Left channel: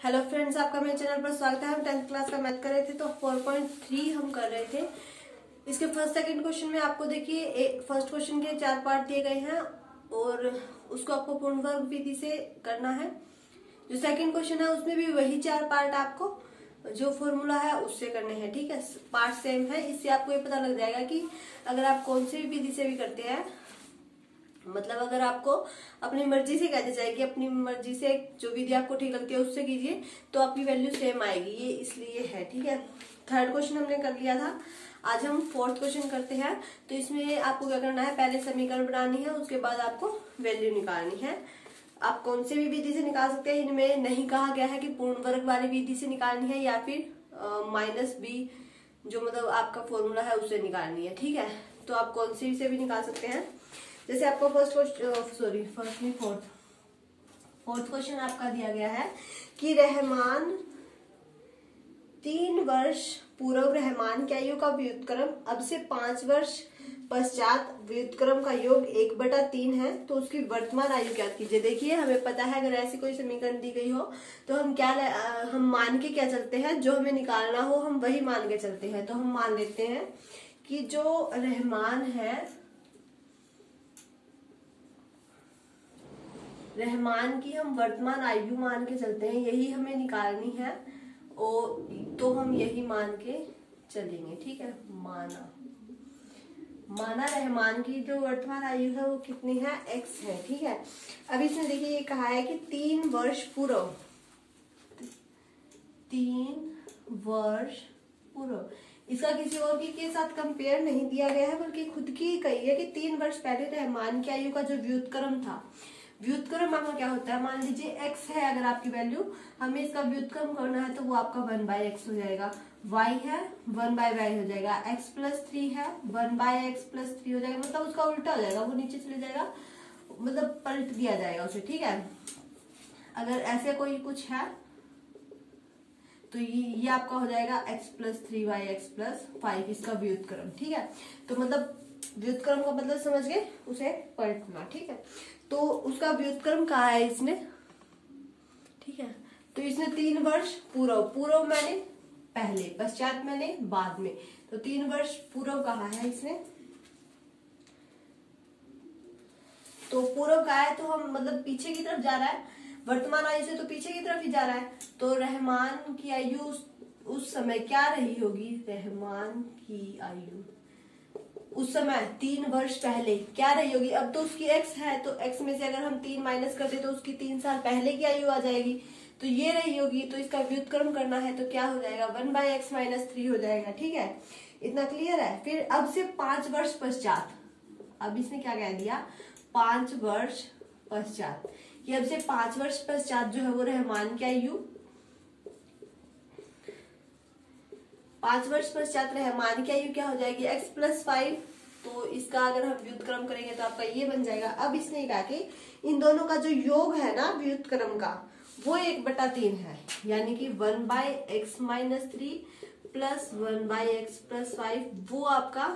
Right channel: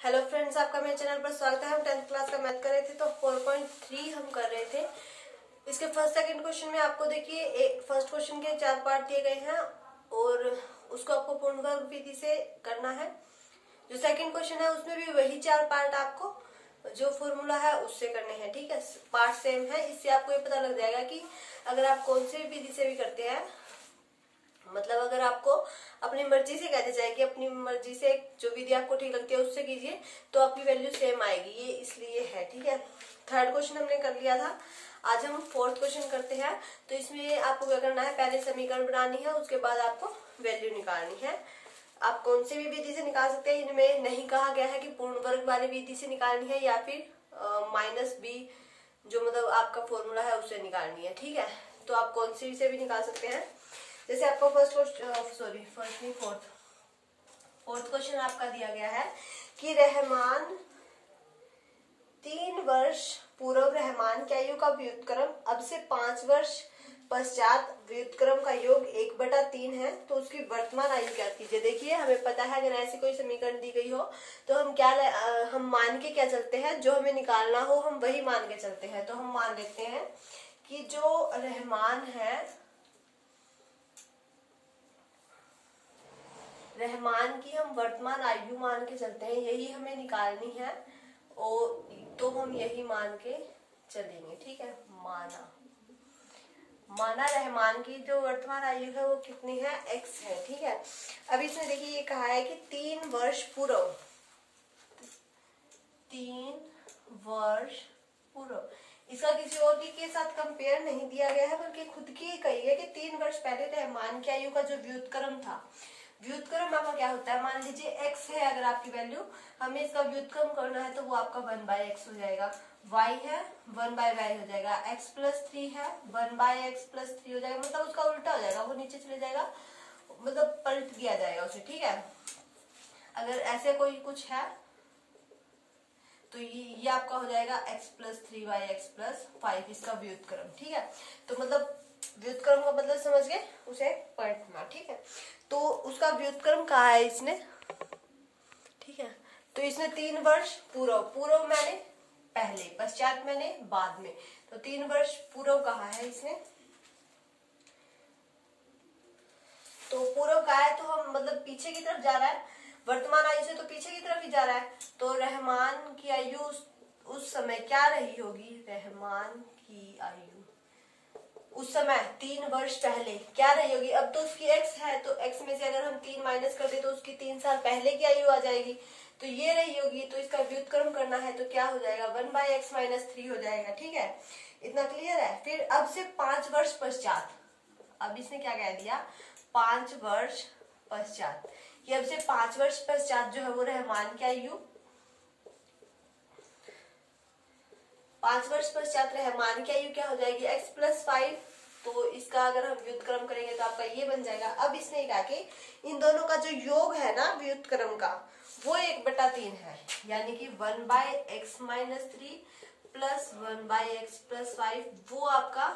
Hello friends, आपका मेरे channel पर स्वागत है। हम 10th क्लास का मैथ कर रहे थे तो 4.3 हम कर रहे थे। इसके फर्स्ट सेकंड क्वेश्चन में आपको देखिए फर्स्ट क्वेश्चन के 4 पार्ट दिए गए हैं और उसको आपको पूर्ण वर्ग विधि से करना है। जो सेकंड क्वेश्चन है उसमें भी वही 4 पार्ट आपको जो फॉर्मूला है उससे करने हैं। ठीक है, पार्ट सेम है। इससे आपको ये पता लग जाएगा कि अगर आप कौन सी विधि से भी करते हैं, मतलब अगर आपको अपनी मर्जी से कहना चाहिए कि अपनी मर्जी से जो विधि आपको ठीक लगती है उससे कीजिए तो आपकी वैल्यू सेम आएगी, ये इसलिए है। ठीक है, थर्ड क्वेश्चन हमने कर लिया था। आज हम फोर्थ क्वेश्चन करते हैं। तो इसमें आपको क्या करना है, पहले समीकरण बनानी है, उसके बाद आपको वैल्यू निकालनी है। आप कौन सी भी विधि से निकाल सकते हैं, इनमें नहीं कहा गया है कि पूर्ण वर्ग वाली विधि से निकालनी है या फिर माइनस बी जो मतलब आपका फॉर्मूला है उससे निकालनी है। ठीक है, तो आप कौन सी से भी निकाल सकते हैं। जैसे आपको फोर्थ क्वेश्चन आपका दिया गया है कि रहमान 3 वर्ष पूर्व रहमान की आयु का व्युत्क्रम अब से 5 वर्ष पश्चात व्युत्क्रम का योग 1/3 है, तो उसकी वर्तमान आयु क्या कीजिए। देखिए, हमें पता है अगर ऐसी कोई समीकरण दी गई हो तो हम मान के क्या चलते हैं, जो हमें निकालना हो हम वही मान के चलते हैं। तो हम मान लेते हैं कि जो रहमान है, रहमान की हम वर्तमान आयु मान के चलते हैं, यही हमें निकालनी है और तो हम यही मान के चलेंगे। ठीक है, माना रहमान की जो वर्तमान आयु है वो कितनी है, x है। ठीक है, अब इसमें देखिए ये कहा है कि 3 वर्ष पूर्व, इसका किसी और के साथ कंपेयर नहीं दिया गया है बल्कि खुद की कही है कि 3 वर्ष पहले रहमान की आयु का जो व्युत्क्रम था, व्युत्क्रम आपका क्या होता है, मान लीजिए x है अगर आपकी वैल्यू, हमें इसका व्युत्क्रम करना है तो वो आपका 1/x हो जाएगा। y है 1/y हो जाएगा। x+3 है 1/x+3 हो जाएगा, मतलब उसका उल्टा हो जाएगा, वो नीचे चले जाएगा, मतलब पलट दिया जाएगा उसे। ठीक है, अगर ऐसे कोई कुछ है तो ये आपका हो जाएगा x+3y(x+5) इसका व्युत्क्रम। ठीक है, तो मतलब व्युत्क्रम का मतलब समझ गए, उसे पलटना। ठीक है, तो उसका व्युत्क्रम कहा है इसने। ठीक है, तो इसने 3 वर्ष पूर्व मैंने पहले, पश्चात मैंने बाद में, तो 3 वर्ष पूर्व कहा है इसने। तो पूर्व का है तो हम मतलब पीछे की तरफ जा रहा है, वर्तमान आयु से तो पीछे की तरफ ही जा रहा है। तो रहमान की आयु उस समय क्या रही होगी, रहमान की आयु उस समय 3 वर्ष पहले क्या रही होगी। अब तो उसकी x है तो x में से अगर हम 3 माइनस कर दे तो उसकी 3 साल पहले की आयु आ जाएगी, तो ये रही होगी। तो इसका व्युत्क्रम करना है तो क्या हो जाएगा, 1/x-3 हो जाएगा। ठीक है, इतना क्लियर है। फिर अब से 5 वर्ष पश्चात, अब इसने क्या कह दिया, 5 वर्ष पश्चात, कि अब से 5 वर्ष पश्चात जो है वो रहमान की आयु 5 वर्ष पश्चात रहमान की आयु क्या हो जाएगी, x+5। तो इसका अगर हम व्युत्क्रम करेंगे तो आपका ये बन जाएगा। अब इसने कहा कि इन दोनों का जो योग है ना व्युत्क्रम का, वो 1/3 है, यानी कि 1/x-3 प्लस 1/x+5 वो आपका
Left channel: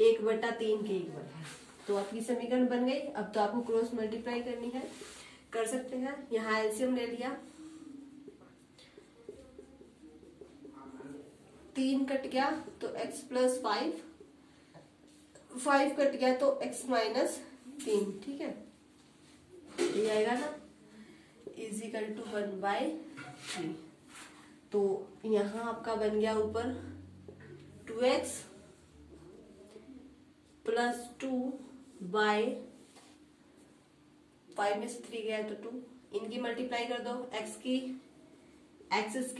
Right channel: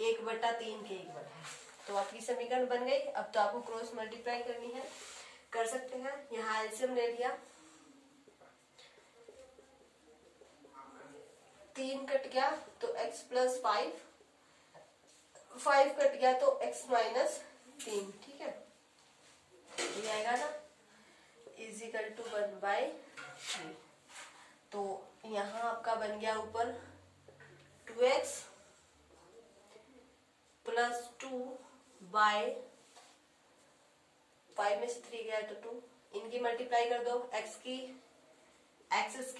1/3 के इक्वल है। तो आपकी समीकरण बन गई। अब तो आपको क्रॉस मल्टीप्लाई करनी है, कर सकते हैं। यहाँ एलसीएम ले लिया, 3 कट गया तो x+5, 5 कट गया तो x-3। ठीक है, ये आएगा ना = 1/3। तो यहाँ आपका बन गया ऊपर 2x + 2/5 में से 3 गया तो 2, इनकी मल्टीप्लाई कर दो, x² +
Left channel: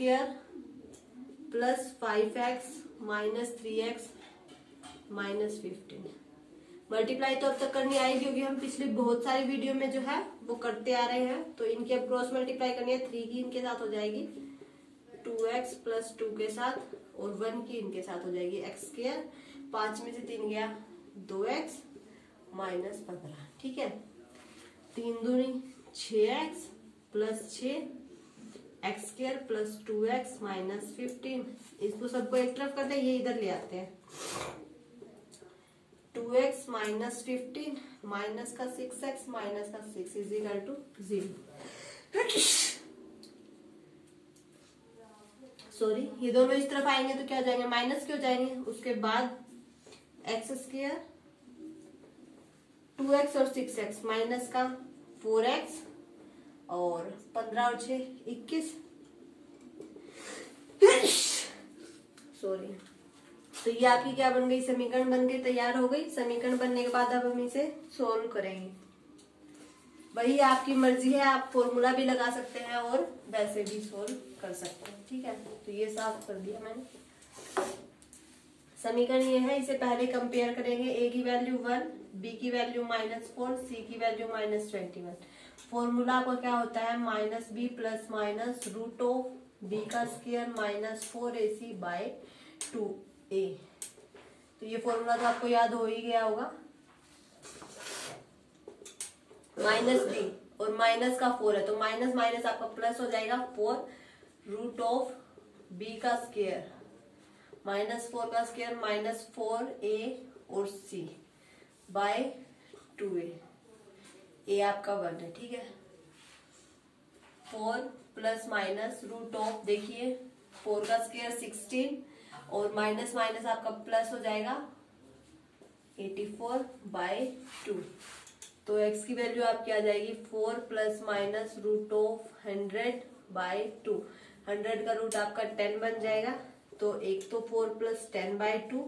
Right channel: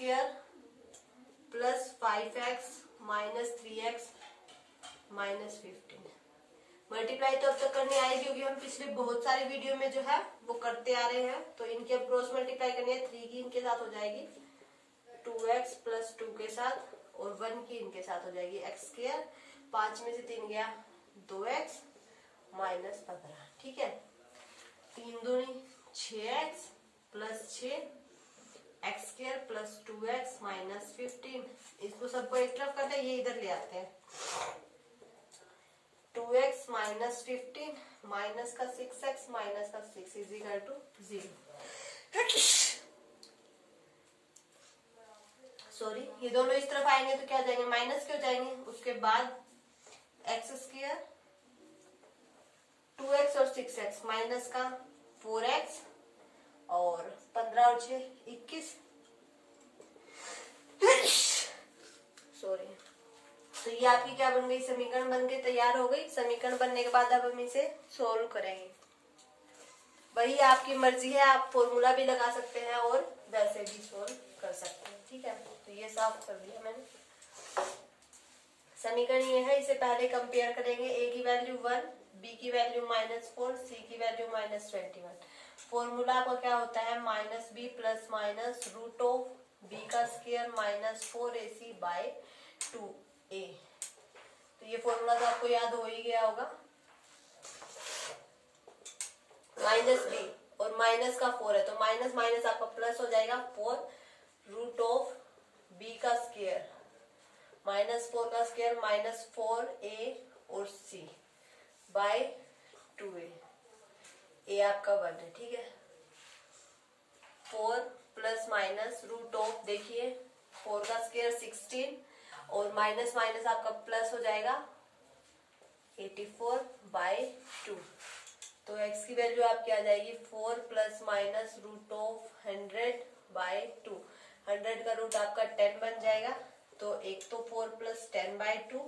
5x - 3x - 15। मल्टीप्लाई तो अब तक करनी आएगी क्योंकि हम पिछले बहुत सारे वीडियो में जो है वो करते आ रहे हैं। तो इनकी अब क्रॉस मल्टीप्लाई करनी है, 3 की इनके साथ हो जाएगी 2x + 2 के साथ और 1 की इनके साथ हो जाएगी x², 5 में से 3 गया 2x - 15। ठीक है, 3 दूनी 6x + 6 x² + 2x - 15। इसको सबको एक तरफ करते हैं, ये इधर ले आते हैं। 2x - 15 माइनस का 6x माइनस का 6 = 0। सॉरी, ये दोनों इस तरफ आएंगे तो क्या हो जाएंगे, माइनस के हो जाएंगे। उसके बाद एक्स स्क्वायर 2x और 6x माइनस का 4x और 15 और 6 21। सॉरी, तो ये आपकी क्या बन गई, समीकरण बन गई, तैयार हो गई। समीकरण बनने के बाद अब हम इसे सोल्व करेंगे। वही आपकी मर्जी है, आप फॉर्मूला भी लगा सकते हैं और वैसे भी सोल्व कर सकते हैं। ठीक है, तो ये साफ कर दिया मैंने। समीकरण ये है, इसे पहले कंपेयर करेंगे। a की वैल्यू 1, b की वैल्यू -4, c की वैल्यू -21। फॉर्मूला आपका क्या होता है, -b plus minus root of b का स्क्वायर -4ac बाय 2a। तो ये फॉर्मूला तो आपको याद हो ही गया होगा। -b और माइनस का 4 है तो माइनस माइनस आपका प्लस हो जाएगा 4 रूट ऑफ b का स्क्वायर -4 का स्क्वायर -4a और c बाय 2a। a आपका 1 है। ठीक है, 4 प्लस माइनस रूट ऑफ, देखिए 4 का स्क्वायर 16 और माइनस माइनस आपका प्लस हो जाएगा 84 बाय 2। तो x की वैल्यू आपकी आ जाएगी 4 plus minus root of 100 by 2। 100 का रूट आपका 10 बन जाएगा। तो एक तो 4 प्लस 10 बाय 2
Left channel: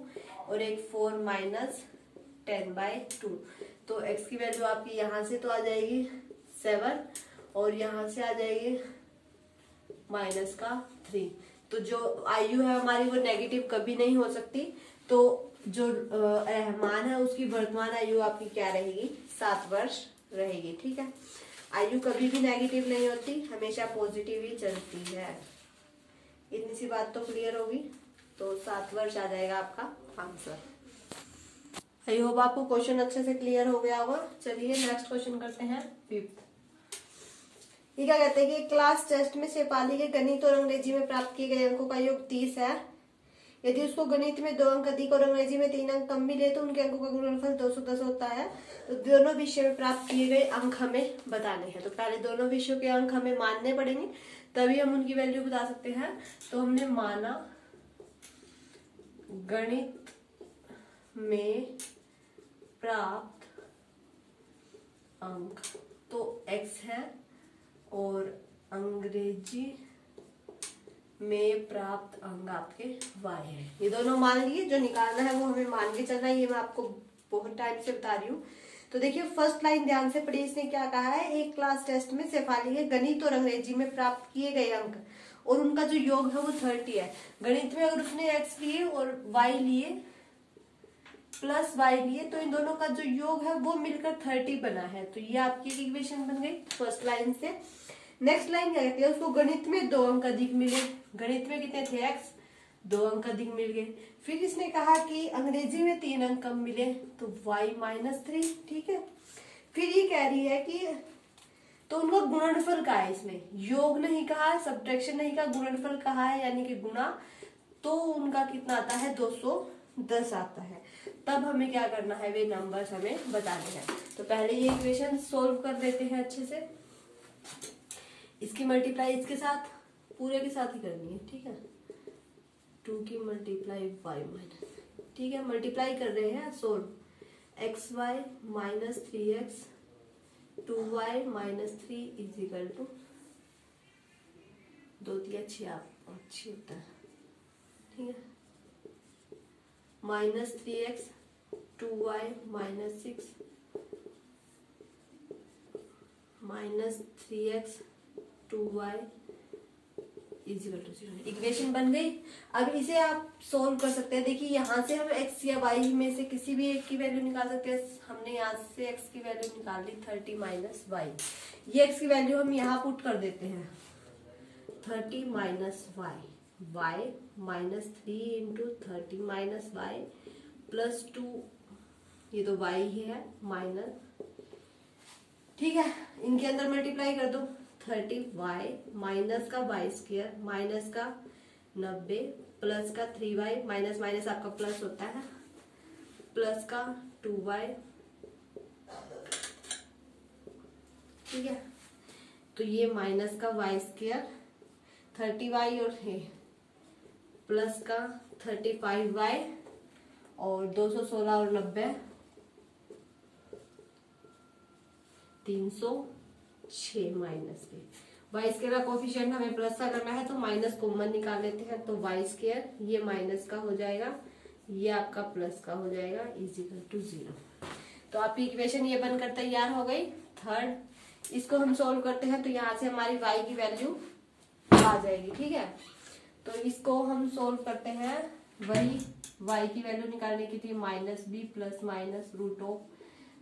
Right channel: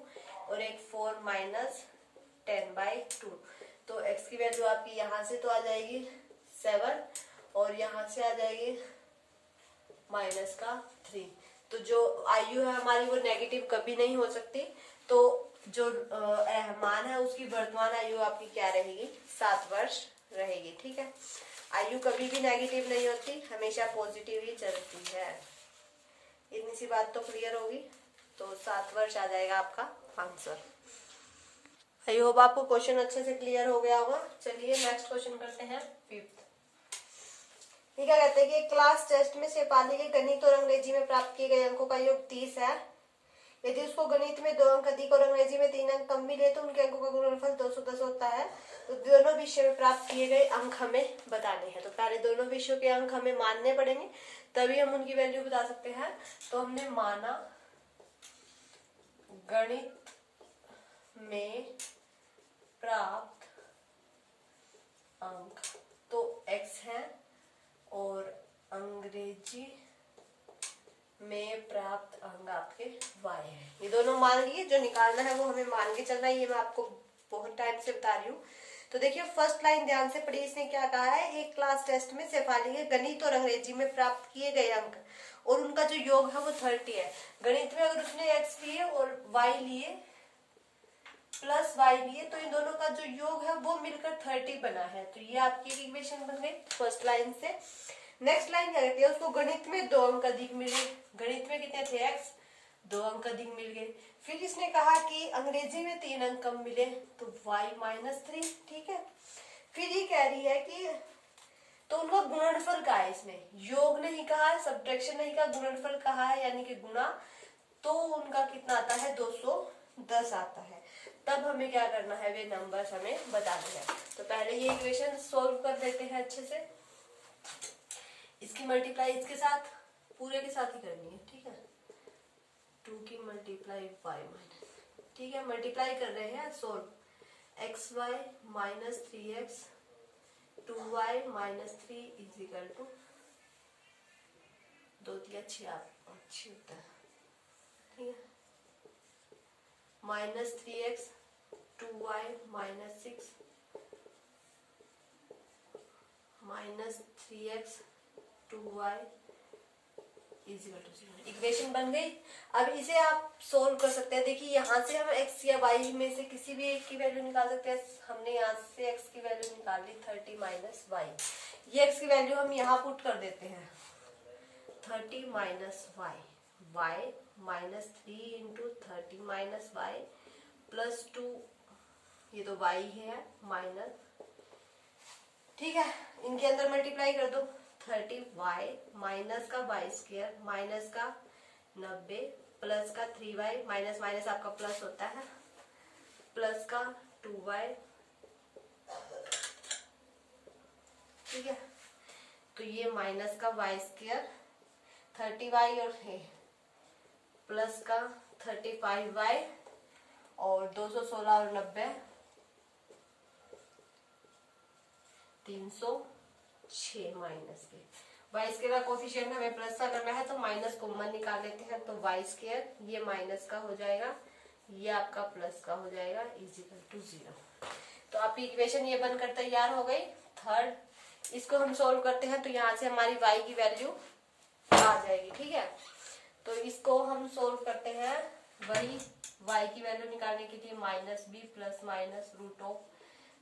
और एक 4 माइनस 10 बाय 2। तो x की वैल्यू आपकी यहां से तो आ जाएगी 7 और यहां से आ जाएगी माइनस का 3। तो जो आयु है हमारी वो नेगेटिव कभी नहीं हो सकती। तो जो मान है उसकी वर्तमान आयु आपकी क्या रहेगी, 7 वर्ष रहेगी। ठीक है, आयु कभी भी नेगेटिव नहीं होती, हमेशा पॉजिटिव ही चलती है। इतनी सी बात तो क्लियर होगी। तो 7 वर्ष आ जाएगा आपका आंसर। आई होप आपको क्वेश्चन अच्छे से क्लियर हो गया होगा। चलिए नेक्स्ट क्वेश्चन करते हैं, 5th। ये क्या कहते हैं कि क्लास टेस्ट में शेफाली के गणित और अंग्रेजी में प्राप्त किए गए अंकों का योग 30 है। यदि उसको गणित में 2 अंक अधिक और अंग्रेजी में 3 अंक कम मिले तो उनके अंकों का गुणनफल 210 होता है। तो दोनों विषय में प्राप्त किए गए अंक हमें बताने हैं। तो पहले दोनों विषयों के अंक हमें मानने पड़ेंगे, तभी हम उनकी वैल्यू बता सकते हैं। तो हमने माना गणित में प्राप्त अंक तो x है और अंग्रेजी में प्राप्त अंक आपके y है। ये दोनों मान लिए, जो निकालना है वो हमें मान के चलना है। ये मैं आपको बहुत टाइम से बता रही हूँ। तो देखिए फर्स्ट लाइन ध्यान से पढ़िए, इसने क्या कहा है, एक क्लास टेस्ट में शेफाली के गणित और अंग्रेजी में प्राप्त किए गए अंक और उनका जो योग है वो 30 है। गणित में अगर उसने x लिए और y लिए प्लस y लिए तो इन दोनों का जो योग है वो मिलकर 30 बना है। तो ये आपकी इक्वेशन बन गई फर्स्ट लाइन से। नेक्स्ट लाइन क्या कहती है, उसको गणित में 2 अंक अधिक मिले। गणित में कितने थे, x, 2 अंक अधिक मिल गए। फिर इसने कहा कि अंग्रेजी में 3 अंक कम मिले तो y -3। ठीक है, फिर ये कह रही है कि तो उनका गुणनफल कहा है, इसमें योग नहीं कहा है, सब्ट्रैक्शन नहीं कहा, गुणनफल कहा है यानी कि गुणा। तो उनका कितना आता है, 210 आता है। तब हमें क्या करना है, वे नंबर्स हमें बताने हैं। तो पहले ये इक्वेशन सोल्व कर देते हैं अच्छे से। इसकी मल्टीप्लाई इसके साथ, पूरे के साथ ही करनी है। ठीक है, 2 की मल्टीप्लाई y माइनस, ठीक है, मल्टीप्लाई कर रहे हैं। Solve xy -3x 2y -3 is equal to 2 3 अच्छी होता है। ठीक है, -3x 2y -6 -3x 2y equal to 0। Equation बन गई। अब इसे आप सोल्व कर सकते हैं। देखिए यहाँ से हम x या y में से किसी भी एक की वैल्यू निकाल सकते हैं। हमने यहाँ से x की वैल्यू निकाल ली 30 माइनस वाई। ये x की वैल्यू हम यहाँ पुट कर देते हैं 30 minus y, y -3 into 30 minus y plus 2, ये तो y है माइनस। ठीक है, इनके अंदर मल्टीप्लाई कर दो 30y माइनस का y स्क्वायर माइनस का 90 प्लस का 3y माइनस माइनस आपका प्लस होता है प्लस का 2y। ठीक है, तो ये माइनस का y स्क्वायर 30y और प्लस का 35y और 216 और 90 306 माइनस b। वाई स्क्वायर का कोफिशिएंट हमें प्लस का करना है तो माइनस कॉमन निकाल लेते हैं, तो वाई स्क्वायर ये माइनस का हो जाएगा, ये आपका प्लस का हो जाएगा, इजिकल टू 0। तो आपकी इक्वेशन ये बनकर तैयार हो गई। थर्ड, इसको हम सॉल्व करते हैं तो यहाँ से हमारी y की वैल्यू आ जाएगी। ठीक है, तो इसको हम सोल्व करते हैं। वही y की वैल्यू निकालने की थी minus B plus minus root of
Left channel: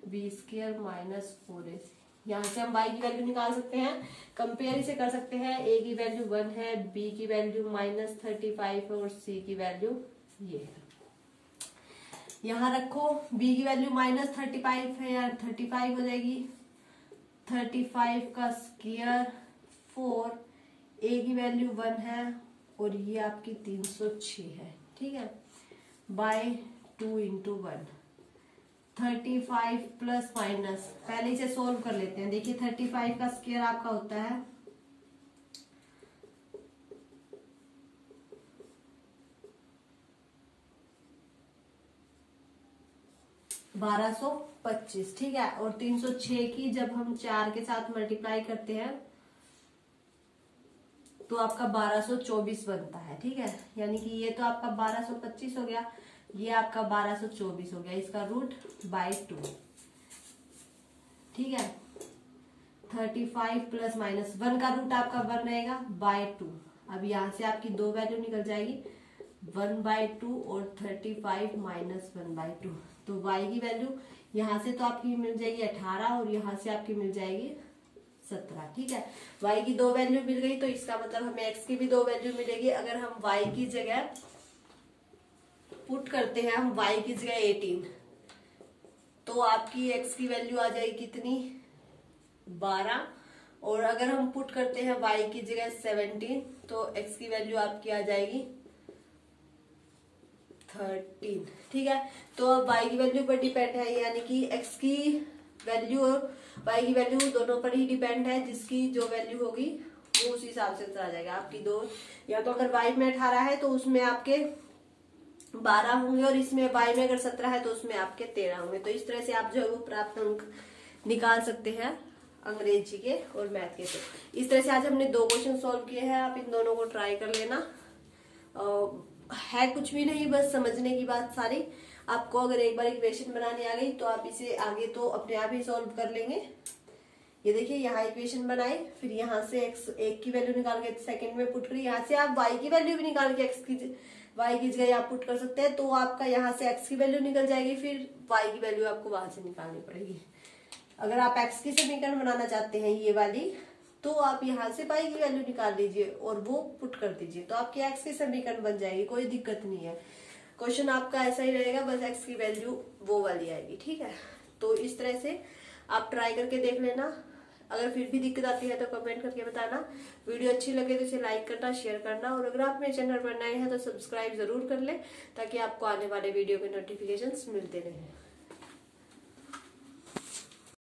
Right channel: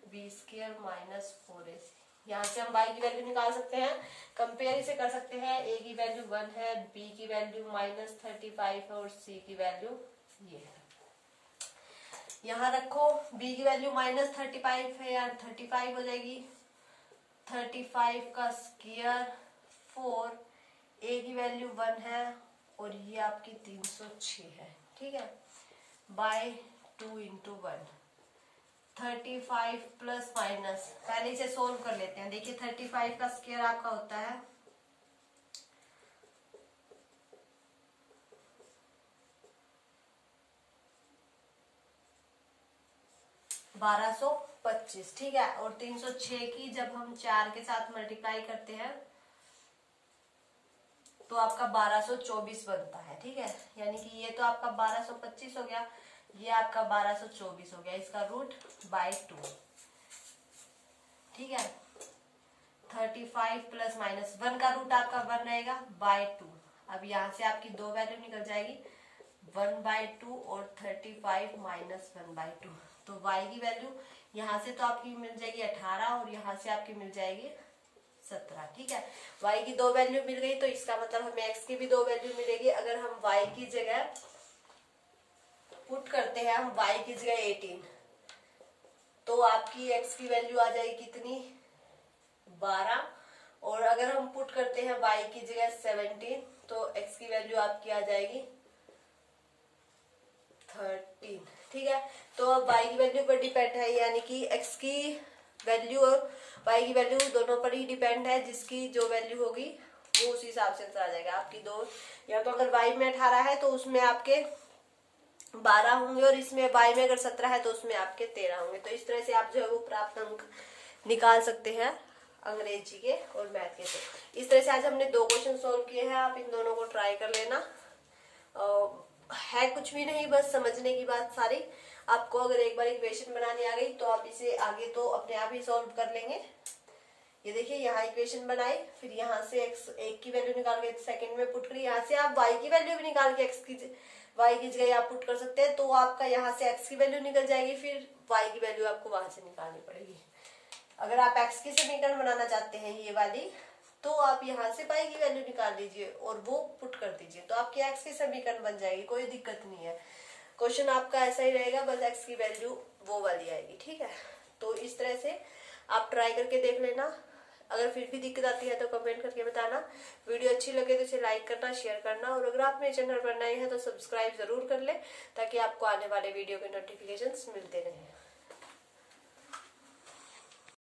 B square minus 4ac। यहाँ से हम y की वैल्यू निकाल सकते हैं, कंपेयर इसे कर सकते हैं। a की वैल्यू 1 है, b की वैल्यू -35 और c की वैल्यू ये है। यहाँ रखो, b की वैल्यू -35 है, यार 35 हो जाएगी, 35 का स्क्वायर 4, a की वैल्यू 1 है और ये आपकी 306 है। ठीक है, बाय 2 इंटू 1, 35 प्लस माइनस, पहले इसे सोल्व कर लेते हैं। देखिए 35 का स्क्वायर आपका होता है 1225। ठीक है, और 306 की जब हम 4 के साथ मल्टीप्लाई करते हैं तो आपका 1224 बनता है। ठीक है, यानी कि ये तो आपका 1225 हो गया, ये आपका 1224 हो गया, इसका रूट बाय 2। ठीक है, 35 प्लस माइनस 1 का रूट आपका 1 रहेगा बाय 2। अब यहाँ से आपकी दो वैल्यू निकल जाएगी, 1/2 और 35 माइनस 1/2। तो y की वैल्यू यहाँ से तो आपकी मिल जाएगी 18 और यहाँ से आपकी मिल जाएगी 17। ठीक है, y की दो वैल्यू मिल गई, तो इसका मतलब हमें x की भी दो वैल्यू मिलेगी। अगर हम y की जगह पुट करते हैं, हम y की जगह 18, तो आपकी x की वैल्यू आ जाएगी कितनी, 12। और अगर हम पुट करते हैं y की जगह 17, तो x की वैल्यू आपकी आ जाएगी 13। ठीक है, तो अब y की वैल्यू पर डिपेंड है, यानी कि x की वैल्यू और y की वैल्यू दोनों पर ही डिपेंड है। जिसकी जो वैल्यू होगी वो उस हिसाब से आ जाएगा। आपकी दो, या तो अगर y में 18 है तो उसमें आपके 12 होंगे, और इसमें y में अगर 17 है तो उसमें आपके 13 होंगे। तो इस तरह से आप जो है वो प्राप्त अंक निकाल सकते हैं अंग्रेजी के और मैथ के। तो इस तरह से आज हमने 2 क्वेश्चन सॉल्व किए हैं, आप इन दोनों को ट्राई कर लेना। है कुछ भी नहीं, बस समझने की बात सारी। आपको अगर एक बार इक्वेशन बनानी आ गई तो आप इसे आगे तो अपने आप ही सॉल्व कर लेंगे। ये देखिए, यहाँ इक्वेशन बनाई, फिर यहाँ से एक की वैल्यू निकाल के सेकंड में पुट करी, यहाँ से आप y की वैल्यू भी निकाल के y की जगह आप पुट कर सकते हैं। तो आपका यहाँ से x की वैल्यू निकल जाएगी, फिर y की वैल्यू आपको वहां से निकालनी पड़ेगी। अगर आप x की समीकरण बनाना चाहते हैं ये वाली, तो आप यहाँ से y की वैल्यू निकाल लीजिए और वो पुट कर दीजिए, तो आपकी x की समीकरण बन जाएगी, कोई दिक्कत नहीं है। क्वेश्चन आपका ऐसा ही रहेगा, बस x की वैल्यू वो वाली आएगी। ठीक है, तो इस तरह से आप ट्राई करके देख लेना। अगर फिर भी दिक्कत आती है तो कमेंट करके बताना। वीडियो अच्छी लगे तो इसे लाइक करना, शेयर करना, और अगर आप मेरे चैनल पर नए हैं तो सब्सक्राइब जरूर कर ले, ताकि आपको आने वाले वीडियो के नोटिफिकेशंस मिलते रहें।